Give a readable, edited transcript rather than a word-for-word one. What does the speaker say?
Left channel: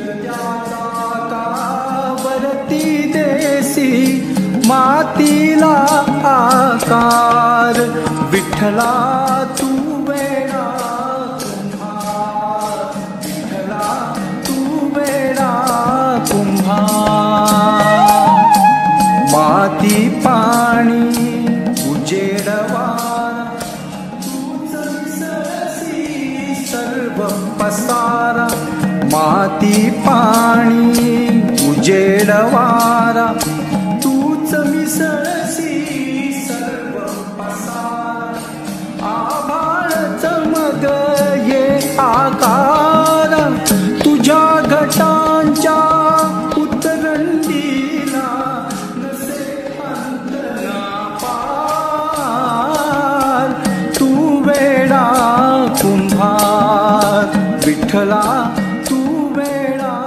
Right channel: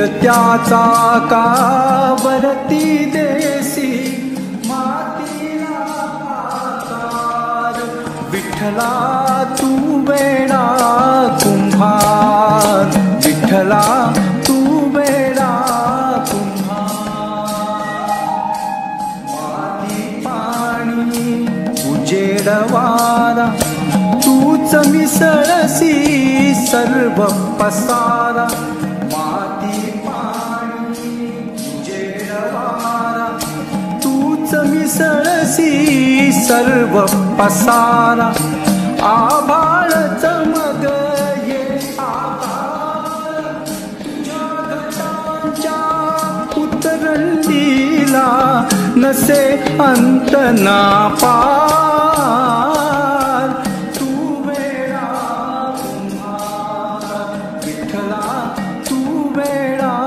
फिरत्याचा कावरती देसी मातीला आकार. विठ्ठला तू वेडा कुंभार, विठ्ठला तू वेडा कुंभार. माती पाणी उजेड वारा तूच मिसळसी सर्व पसारा. माती पाणी उजेड वारा तूच मिसळसी सर्व पसारा. आभाळ चमक ये आकार तुझ्या घटांच्या उतरंडीला नसे अंत ना पार. तू वेडा कुंभार, विठ्ठला तू वेडा